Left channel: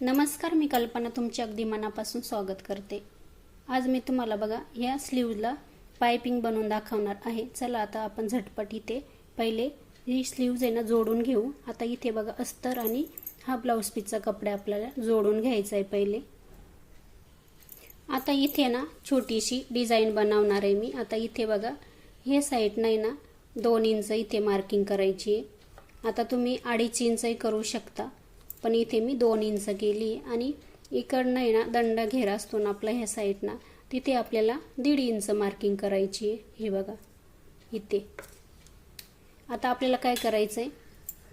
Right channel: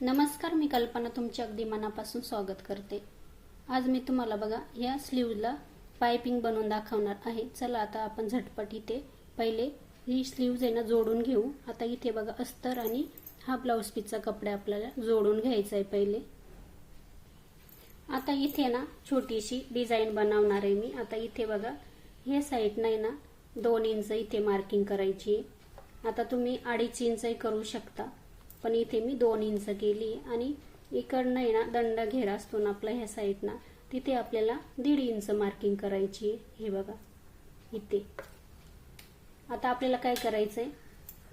नमस्कार मी कल्पना तुमचे अगदी मनापासून स्वागत करते. आज मी तुम्हाला बघा ह्या स्लीवला पायपिंग बनवून दाखवणार आहे. चला आता आपण झटपट इथे पहिले ही स्लीव्ज आहे ना जोडून घेऊ. आता इथे बघा अस्तर आणि हा ब्लाऊज पीसचा कपडा आपल्याला जोडून घ्यायचा आहे पहिले. आता इथे ना छोटीशी डिझाईन बनवणार आहे मी. आता इथे बघा हे साईड नाही ना दोन इंच इथे मार्किंग करायची आहे. आता तुम्ही अडीच इंचही करू शकता. पण इथे मी दोन इंच केली आणि इकडनं आहे ना दंड घेरा असतो ना आपला ह्या साईडनं तिथे आपल्याला दीड इंच मार्किंग करायची आहे. हे बघा इथे. आता आपल्याला काय करायचं आहे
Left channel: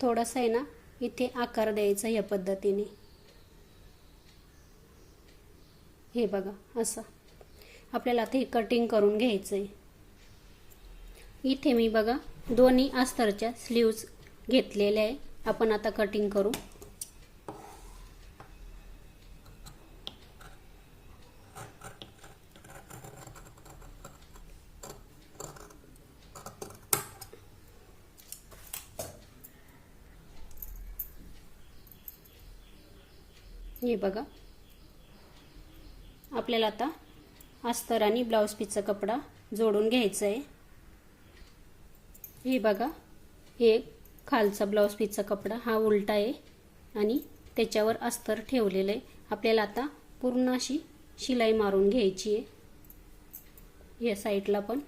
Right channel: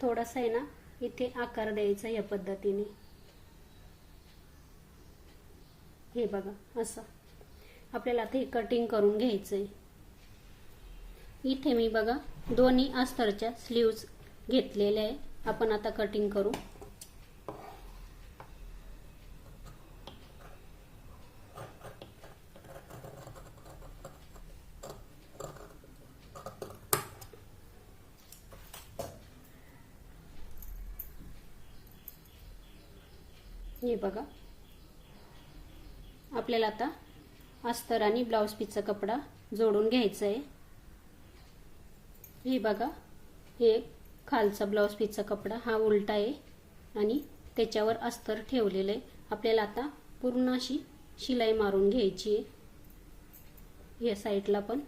थोडंसं आहे ना इथे आकार द्यायचा या पद्धतीने. हे बघा असं. आपल्याला आता कटिंग करून घ्यायचं आहे इथे मी बघा दोन्ही अस्तरच्या स्लीव्ज घेतलेल्या आहे. आपण आता कटिंग करू. हे बघा. आपल्याला आता अस्तर आणि ब्लाऊज पीसचा कपडा जोडून घ्यायचा आहे हे बघा हे खालचा ब्लाऊज पीसचा कपडा हा उलटा आहे आणि त्याच्यावर अस्तर ठेवलेलं आहे. आपल्याला आता पूर्ण अशी शिलाई मारून घ्यायची आहे. या साईडला पण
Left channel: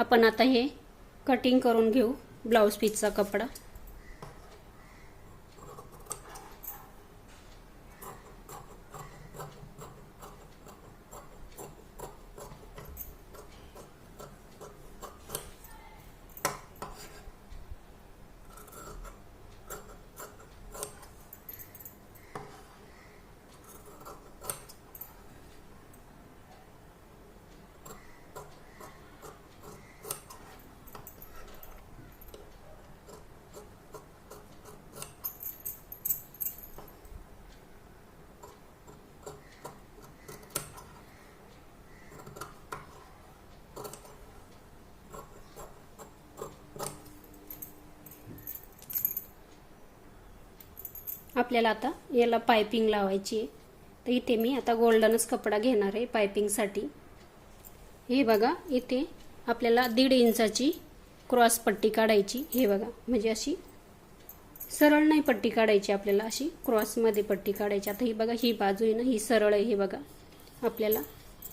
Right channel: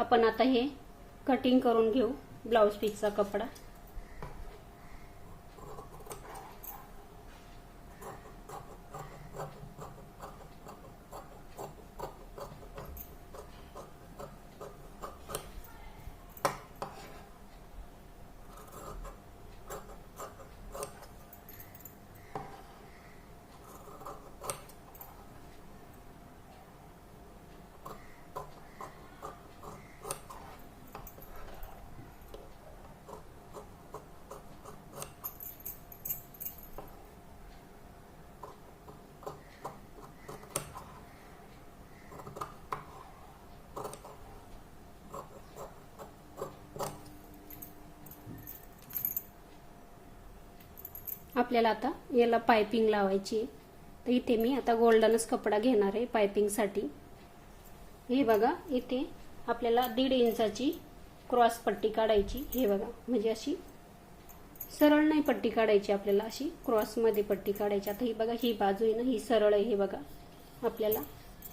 आपण आता हे कटिंग करून घेऊ ब्लाऊज पीसचा कपडा. आपल्याला आता याला पायपिंग लावायची आहे. तर इथे मी आता गोल्डनच कपडा घेणार आहे पायपिंगसाठी हे बघा इथे आपल्याला दीड इंचाची क्रॉस पट्टी काढायची. हे बघा म्हणजे अशी सरळ नाही पट्टी काढायची आपल्याला अशी क्रॉसमध्ये पट्टी काढायची. आता ही बघा ही बाजू आहे ना ही सरळ आहे हे बघा. आपल्याला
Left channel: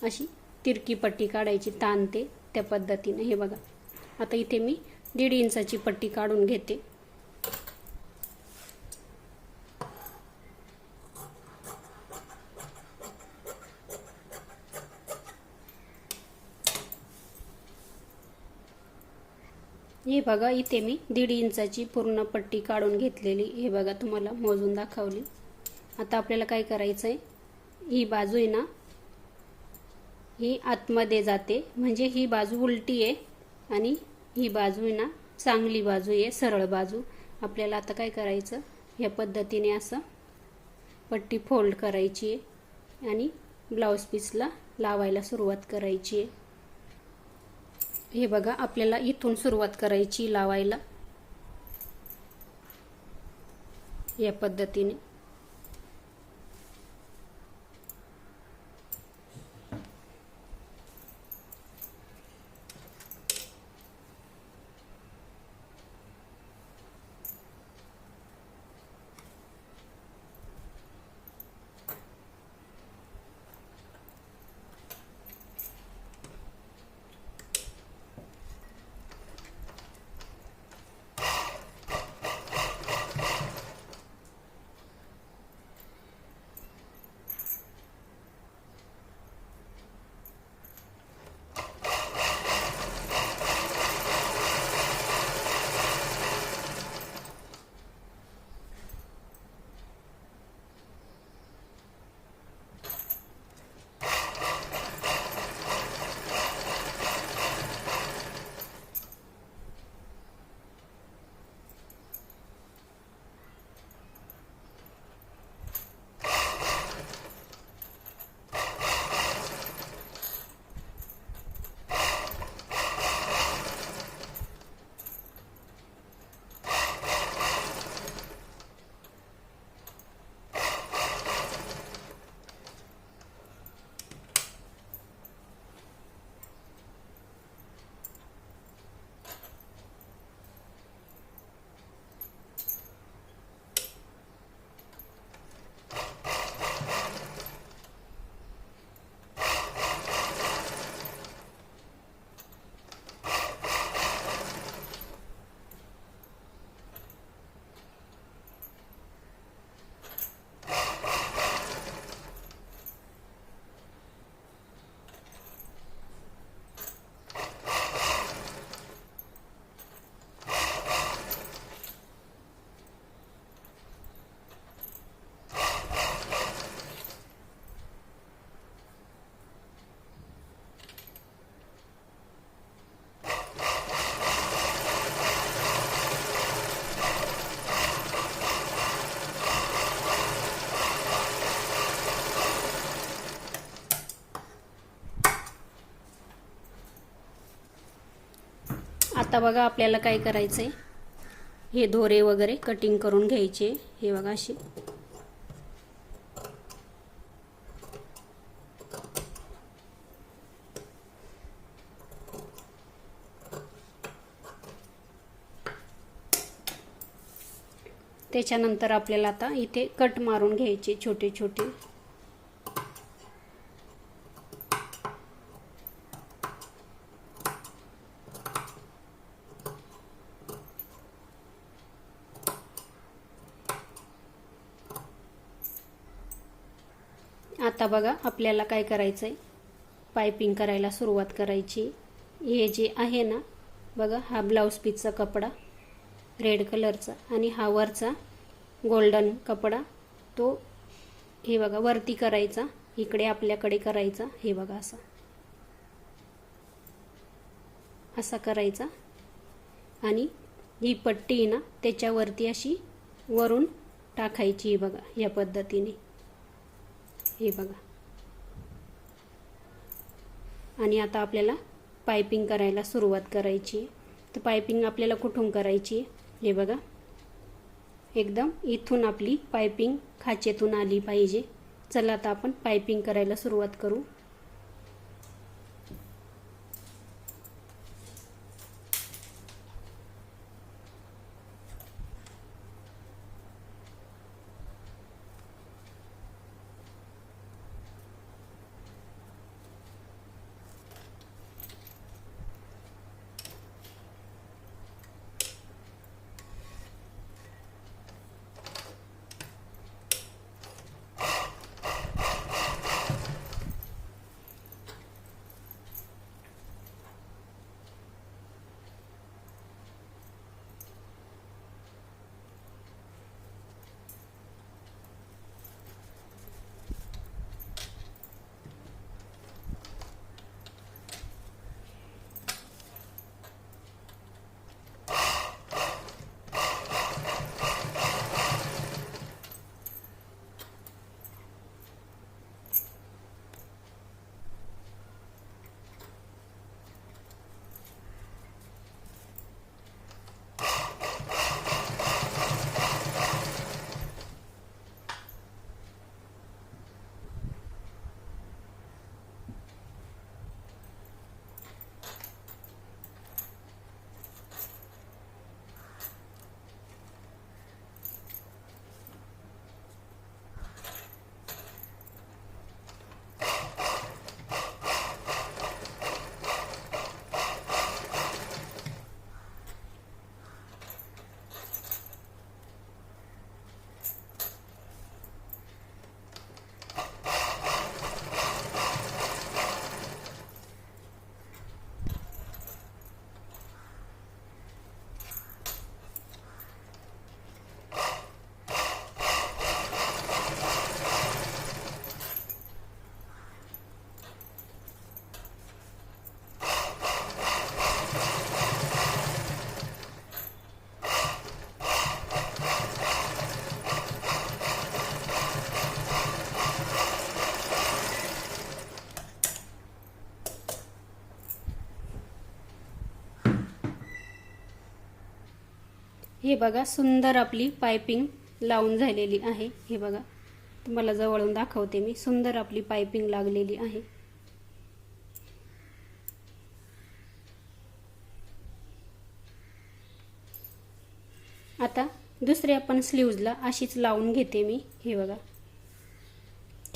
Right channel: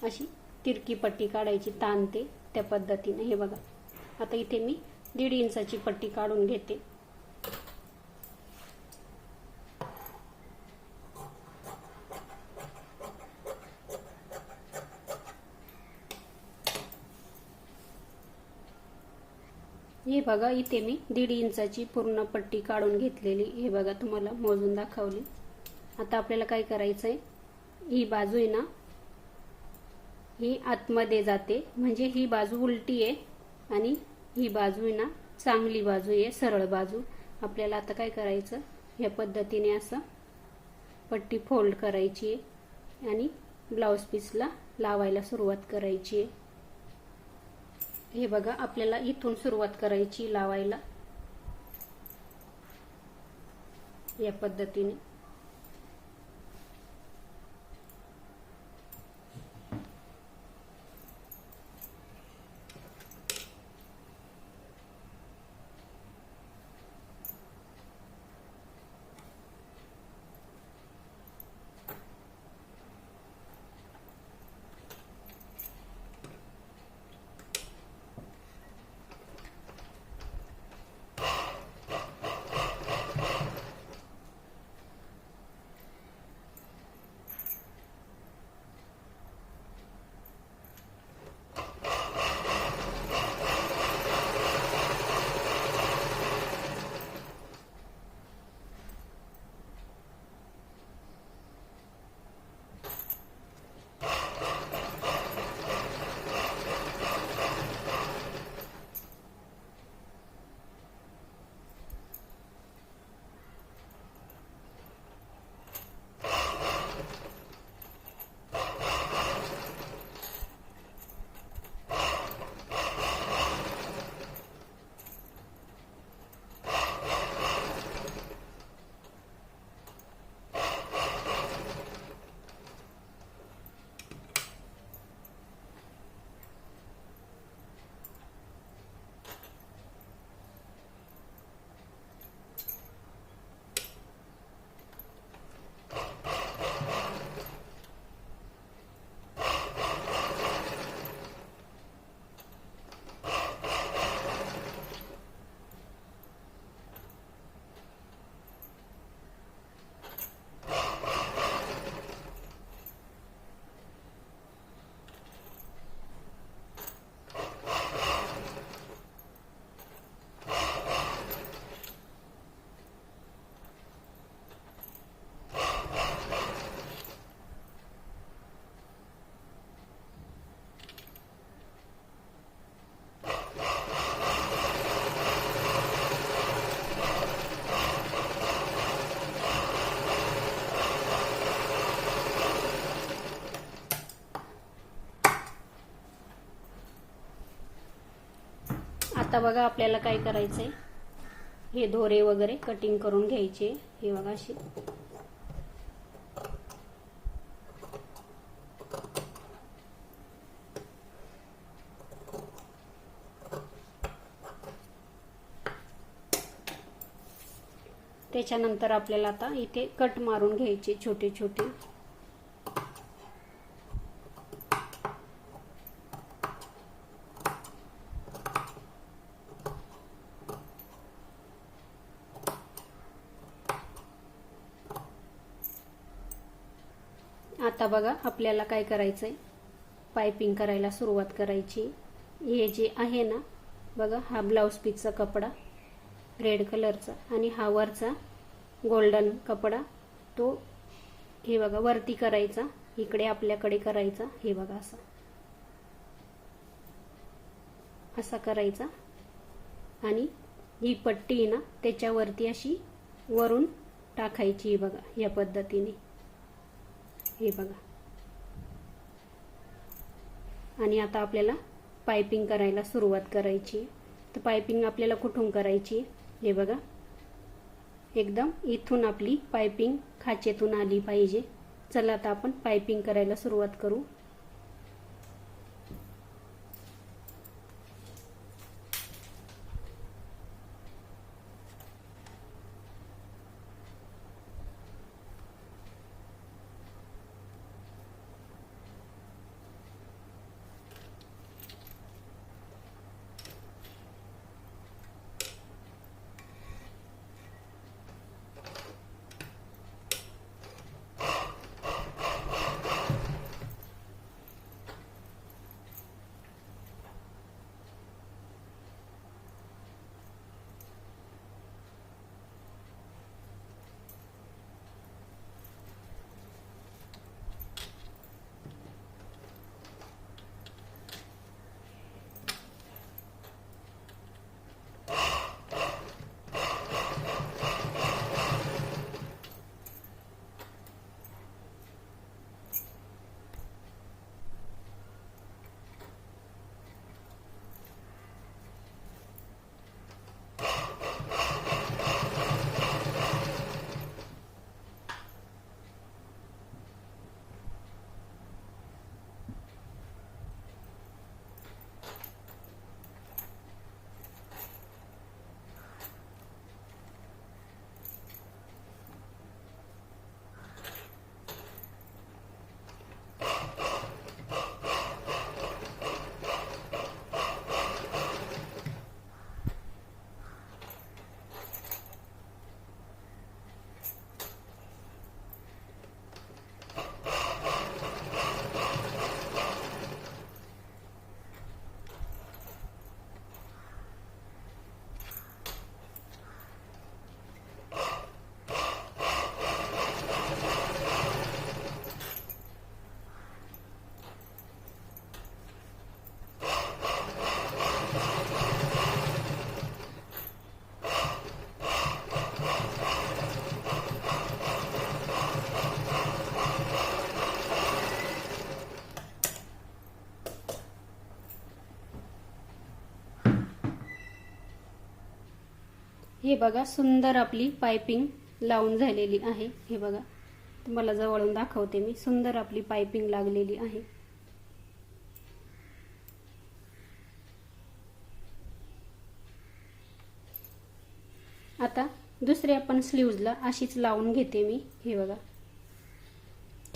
अशी तिरकी पट्टी काढायची ताणते त्या पद्धतीनं हे बघा. आता इथे मी दीड इंचाची पट्टी काढून घेते. हे बघा इथे मी दीड इंचाची पूर्ण पट्टी काढून घेतलेली हे बघा तुम्हाला मोजून दाखवली. आता आपल्याला काय करायचं आहे ही बाजू आहे ना ही आतमध्ये जाते. म्हणजे ही बाजू उलटी आहे आणि ही बाजू आहे ना चांगली बाजू आहे सरळ बाजू. आपल्याला आता काय करायचं? या पद्धतीने असं पट्टी फोल्ड करायची आहे आणि ब्लाऊज पीसला लावायला सुरुवात करायची आहे. हे बघा आपल्याला इथून सुरुवात करायची लावायला. या पद्धतीने. आता बघा आपल्याला काय करायचंय. हे दोरे वगैरे कटिंग करून घ्यायचे. हे बघा अशी. त्याच्यानंतर आपल्याला आता इथे कट मारून घ्यायचे छोटे छोटे आता बघा आपल्याला काय करायचं आहे पायपिंग करायला सुरुवात करायची. हे जे आहे ना बघा हा ब्लाऊज पीसचा कपडा रेड कलरचा आणि हा वरचा गोल्डन कपडा तो हे बघा वरती करायचा. इकडे आपल्याकडे करायचा. हे बघा असा. असा करायचा. आणि ही पट्टी ना त्याच्यावरती अशी वरून टाकायची बघा या पद्धतीने. हे बघा. आणि आता आपल्याला पायपिंग करायला सुरुवात करायची. तर पायपिंग आपल्याला कुठून करायची? हे बघा. एकदम इथून आपली पायपिंग खाचेतून आली पाहिजे. चला आता आपण पायपिंग करायला सुरुवात करू. हे बघा सुंदर आपली पायपिंग लावून झालेली आहे. हे बघा तुम्हाला जवळून दाखवते मी. सुंदर आपली पायपिंग लागलेली आहे. आता दुसरे आपण स्लीव्जला अशीच लावून घेते मी. हे बघा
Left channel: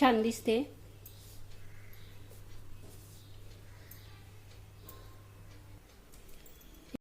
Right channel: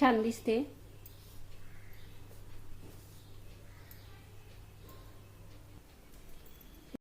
छान दिसते.